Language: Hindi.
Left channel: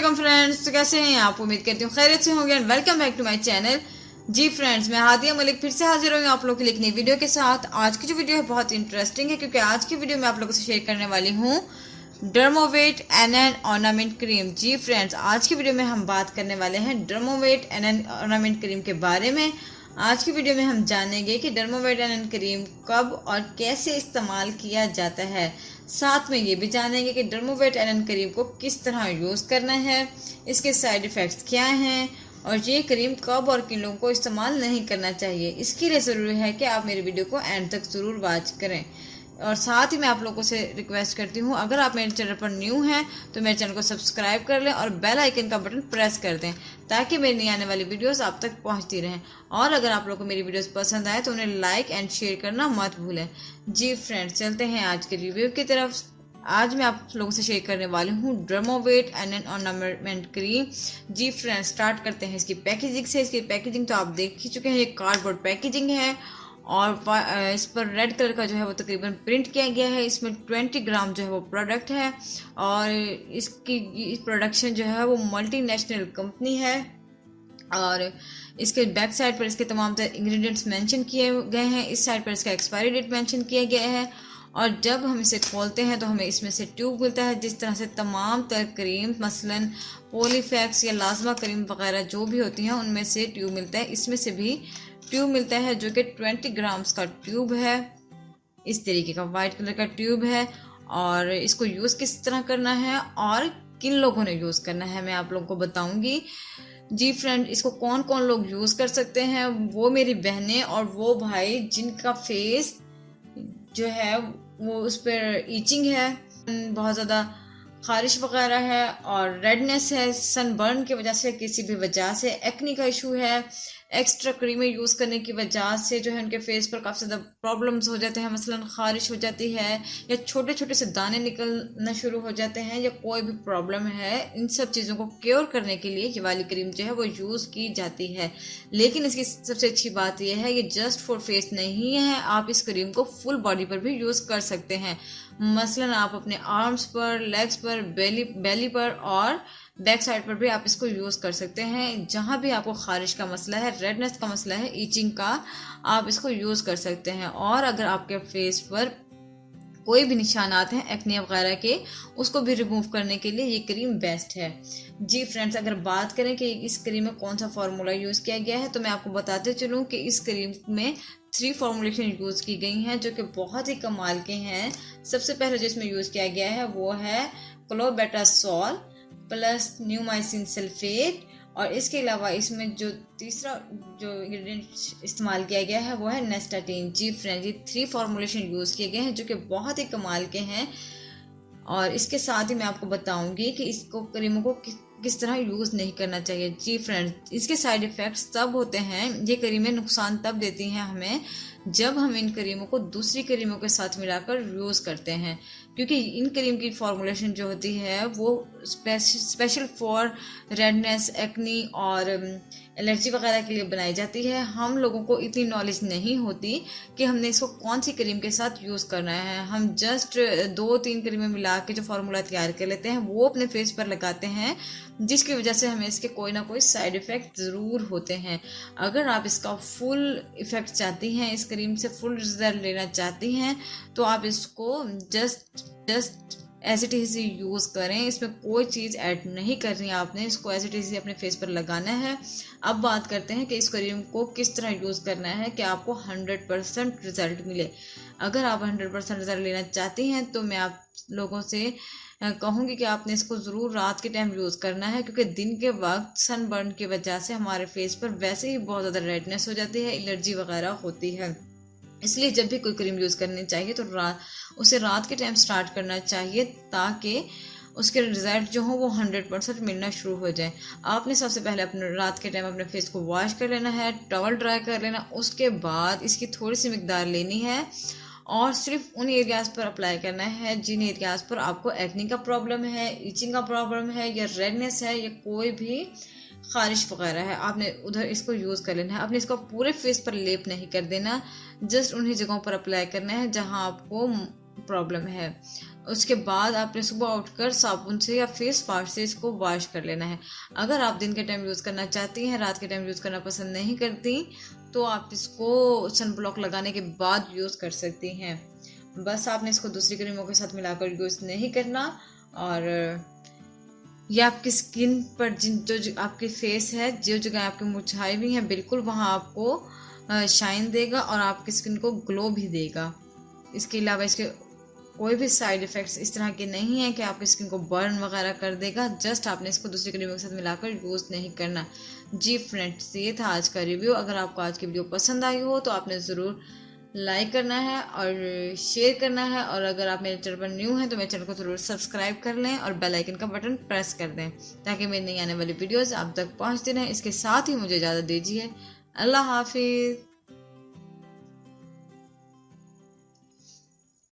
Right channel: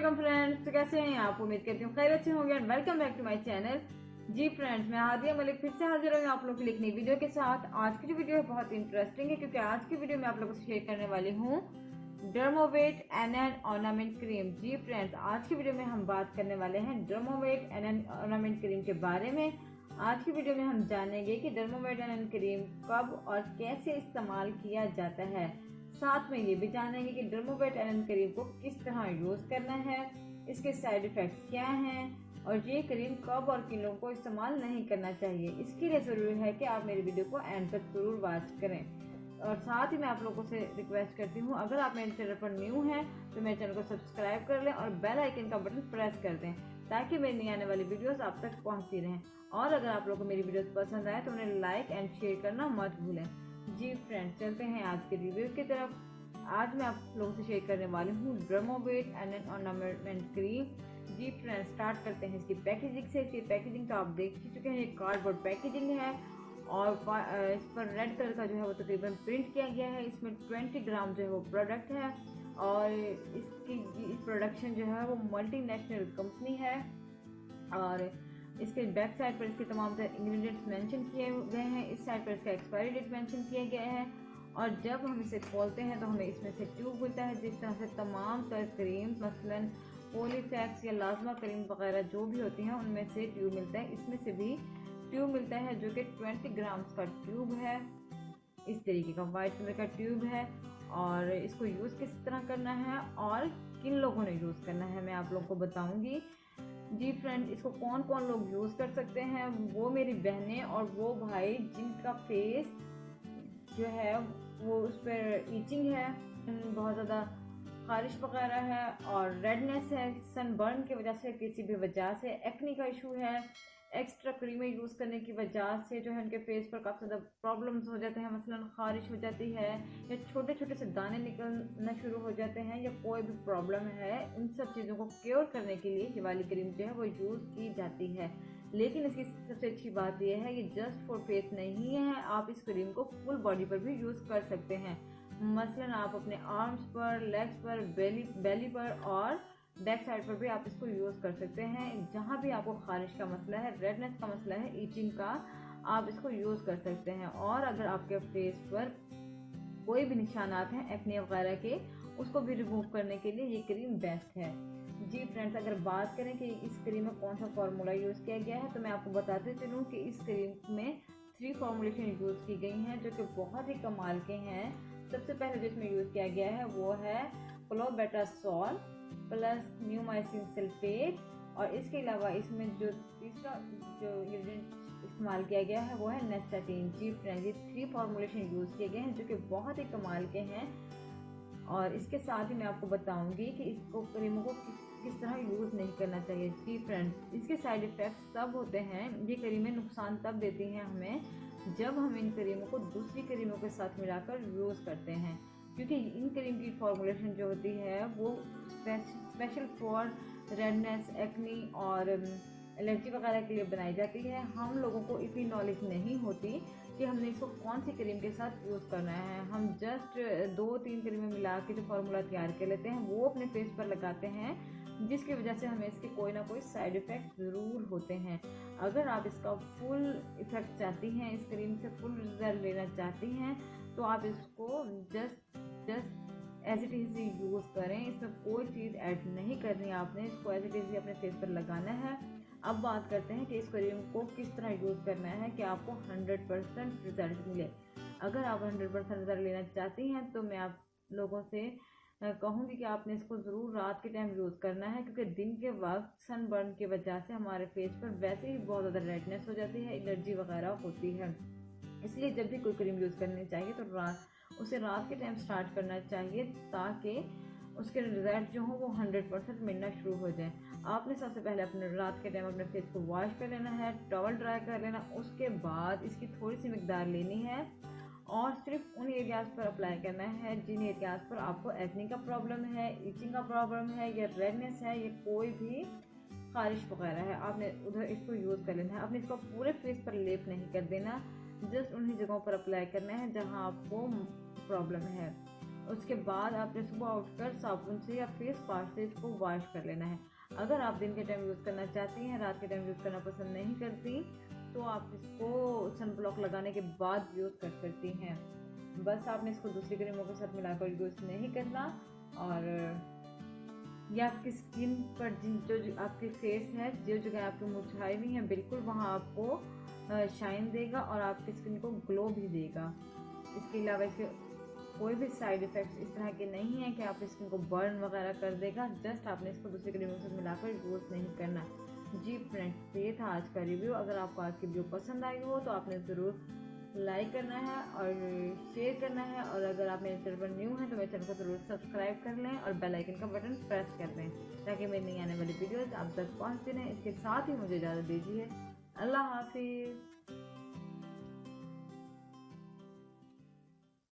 अस्सलाम फ्रेंड्स, तो कैसे हैं आप? उम्मीद करती हूँ खैरियत से होंगे and welcome back to my channel. जी फ्रेंड्स, मैं हादिया मलिक फिर से हाजिर हुई आप लोगों के लिए एक नई वीडियो के साथ। आज की जो वीडियो है बहुत इंटरेस्टिंग है क्योंकि आज की वीडियो में आप लोगों से शेयर करने वाली हूँ डर्मोवेट एनएन ऑर्नामेंट क्रीम। जी फ्रेंड्स, आज की वीडियो में हम बात करने वाले हैं डर्मोवेट एनएन ऑर्नामेंट क्रीम के बारे में। आज की वीडियो में हम जानेंगे कि डर्मोवेट एनएन क्रीम कब और कैसे इस्तेमाल किया जाता है। साथ में ये भी जानेंगे कि डर्मोवेट एनएन क्रीम को किस तरह यूज़ करना है, इसके साइड इफ़ेक्ट्स क्या हैं और ये क्रीम कब और किन लोगों को इस्तेमाल नहीं करना चाहिए। इसके लिए ज़रूरी है कि आप मेरी वीडियो को एंड तक ज़रूर वॉच करें। और साथ ही मैं आप लोगों से रिक्वेस्ट करती हूँ, अगर आप मेरे चैनल पर न्यू हैं तो मेरे चैनल को सब्सक्राइब कर लें और बेल आइकन का बटन प्रेस कर दें ताकि मेरी नई आने वाली वीडियोस आप तक पहुँचती रहें। और अगर आप लोगों को मेरी वीडियोस पसंद आए तो उन्हें लाइक एंड शेयर करना मत भूलें। जी फ्रेंड्स, चलते हैं आज के रिव्यू की तरफ। आज मैं आप लोगों से शेयर करने वाली हूँ डर्मोवेट एनएन ऑर्नामेंट क्रीम। जी फ्रेंड्स, स्टार्ट करते हैं इसकी पैकेजिंग से। इसकी पैकेजिंग तो आप देख ही चुके हैं, ये कार्डबोर्ड पैकेजिंग है और इस पर रेड कलर का जो है वो तकरीबन प्रिंट किया गया है। इसमें 20 ग्राम जो है वो प्रोडक्ट है और इसकी प्रोडक्शन जो है वो मल्टीनेशनल कंपनी है। और इसके बैक साइड पर इसके तमाम तरह इंग्रेडिएंट्स मेंशन किए गए हैं। इस साइड पर इसका एक्सपायरी डेट मेंशन किया गया है और जब हम इसे खोलते हैं तो हमें इसमें से ट्यूब मिलता है। जिस तरह से तमाम तरह क्रीम मसलन पॉलीफैक्स या लाजमा क्रीम वगैरह जो भी होती हैं उनमें से ट्यूब मिलता है, इसमें से भी ट्यूब मिलता है जो कि 20 ग्राम्स का ट्यूब है। इस तरीके का वाइट कलर का ट्यूब है और इसको यूज़ किस तरह करना है और किन लोगों ने यूज़ करना है मैं आप लोगों को बताऊंगी। जी फ्रेंड, इसको कौन कौन लोग यूज़ कर सकते हैं, वो मेरी बहनें और वो भाई जिनका फेस जो है वो उस पर ईचिंग है, बहुत ज़्यादा खारिश वगैरह है और रेडनेस है सनबर्न की वजह से, किसी भी वजह से एक्नी का इशू है, एक्स्ट्रा क्रीमें यूज़ करने की वजह से जो है उनके फेस पर काफ़ी ज़्यादा प्रॉब्लम्स हो जाते हैं, मसलन खारिश हो जाती है या छोटे छोटे से दाने निकलना शुरू हो जाते हैं या कोई भी प्रॉब्लम है, इन सब चीज़ों को क्योर करने के लिए ये वाली क्रीम जो है वो यूज़ की जाती है। लेकिन इसकी सबसे अच्छी बात यह है ये जस्ट फॉर फेस नहीं है, आप इस क्रीम को फुल बॉडी पर भी यूज़ कर सकते हैं। मसलन आप अपने आर्म्स पर, लेग्स पर, बेली पर और बैक साइड पर भी आप इसको यूज़ कर सकते हैं। जहाँ भी आपको खारिश का मसला है, रेडनेस का मसला है, ईचिंग का, आप इसको यूज़ कर सकते हैं। और अगर आपके फेस पर कोई भी निशानात हैं एक्ने वगैरह के, उसको भी रिमूव करने के लिए ये क्रीम बेस्ट है। जी फ्रेंड्स, अगर बात करें कि इस क्रीम में कौन सा फार्मूला यूज़ किया गया है तो मैं आपको बताते चलूँ कि इस क्रीम में 3 फॉर्मुलेशन यूज़ की गई हैं जो कि बहुत ही कमाल के हैं। सबसे पहले जो इसमें यूज़ किया गया है वो है क्लोबेटासोल प्लस न्यूमाइसिन सल्फेट और इसके अलावा इसमें जो तीसरा जो इंग्रेडिएंट इस्तेमाल किया गया है वो है नेस्टाटीन। जी फ्रेंड्स, ये 3 फॉर्मुलेशन यूज़ किए गए हैं जो कि बहुत ही कमाल के हैं। और इसके साथ ही मैं आपको बताऊंगी कि इसको क्रीमों को किस तरह यूज़ नहीं करना चाहिए। जी फ्रेंड्स, इसके साइड इफ़ेक्ट्स तब होते हैं, ये क्रीमें नुकसान तब देती हैं हमें जब हम इन क्रीमों को दूसरी क्रीमों के साथ मिलाकर यूज़ करते हैं, क्योंकि इन क्रीम की फॉर्मुलेशन जो होती है वो स्पेशल फॉर रेडनेस, एक्नी और एलर्जी वगैरह के लिए बनाई जाती है। हम लोगों को इतनी नॉलेज नहीं होती कि हमने इसको कौन सी क्रीम के साथ यूज़ करना है। हम जस्ट 2-3 क्रीमें मिला के जो फार्मूला तैयार कर लेते हैं वो अपने फेस पर लगाते हैं, जिसकी वजह से हमें इसके कोई ना कोई साइड इफ़ेक्ट ज़रूर होते हैं। अगर आप इसका फुल इफ़ेक्ट चाहती हैं, इस क्रीम से फुल रिजल्ट लेना चाहती हैं तो आप इसको just as it is use करें। इसमें कोई चीज़ ऐड नहीं करनी है आपने, इसको एज इट इज़ अपने फेस पर लगाना है। अब बात करते हैं कि इस क्रीम को किस तरह यूज़ करना है कि आपको 100% रिजल्ट मिले। अगर आप 100% रिजल्ट लेना चाहती हैं तो मैं आप लोगों से कहूँगी कि आपने इसको ज़रूर रात के टाइम यूज़ करना है, क्योंकि दिन के वक्त सनबर्न की वजह से हमारे फेस पर वैसे ही बहुत ज़्यादा रेडनेस हो जाती है, एलर्जी वगैरह होती है। इसलिए जब भी कोई क्रीम यूज़ करनी चाहिए तो उसे रात के टाइम स्टार्ट करना चाहिए ताकि उसके रिजल्ट जो हो वो 100% मिलना शुरू हो जाए। आपने सबसे पहले अपने रात के टाइम अपने फेस को वॉश कर लेना है, टॉवल ड्राई कर लेना, उसके बाद इसकी थोड़ी सी मिकदार लेनी है और सिर्फ उन एरियाज़ पर अप्लाई करना है जिन एरियाज़ पर आपको एक्नी का प्रॉब्लम है, ईचिंग का प्रॉब्लम है या रेडनेस है या कोई भी खारिश वगैरह है। आपने उधर इसको यूज़ कर लेना है। आपने इसको पूरे फेस पर लेप नहीं कर देना, जस्ट उन्हीं जगहों पर अप्लाई करना है जहां आपको प्रॉब्लम है। उसके बाद आपने सुबह उठकर साबुन से या फेस वाश से इसको वॉश कर लेना है। अगर आप दिन के टाइम यूज़ करना चाहती हैं, रात के टाइम यूज़ करना पसंद नहीं करती, तो आप इसको सन ब्लॉक लगाने के बाद यूज़ कर सकती हैं। बस आपने इसको दूसरी क्रीमों के साथ मिलाकर यूज़ नहीं करना। और ये आपकी स्किन पर जो आपकी फेस है, जो जगह आपकी मुरझाई हुई है, बिल्कुल वहाँ आपको शाइन देगा और आपकी स्किन को ग्लो भी देगा। इसके अलावा इसके कोई भी साइड इफ़ेक्ट्स इस तरह के नहीं है कि आपकी स्किन को बर्न वगैरह कर देगा। जस्ट आपने इसको दूसरी क्रीमों के साथ मिलाकर यूज़ नहीं करना। जी फ्रेंड्स, ये था आज का रिव्यू। अगर आपको आज की वीडियो पसंद आई हो तो आपने ज़रूर लाइक करना है और शेयर करना है। और अगर आप मेरे चैनल पर न्यू हैं तो मेरे चैनल को ज़रूर सब्सक्राइब कर लें और बेल आइकन का बटन प्रेस कर दें, ताकि मेरी नई आने वाली वीडियोज़ आप तक पहुँचती रहें। इसके साथ ही मुझे इजाज़त दीजिए। अल्लाह हाफिज़।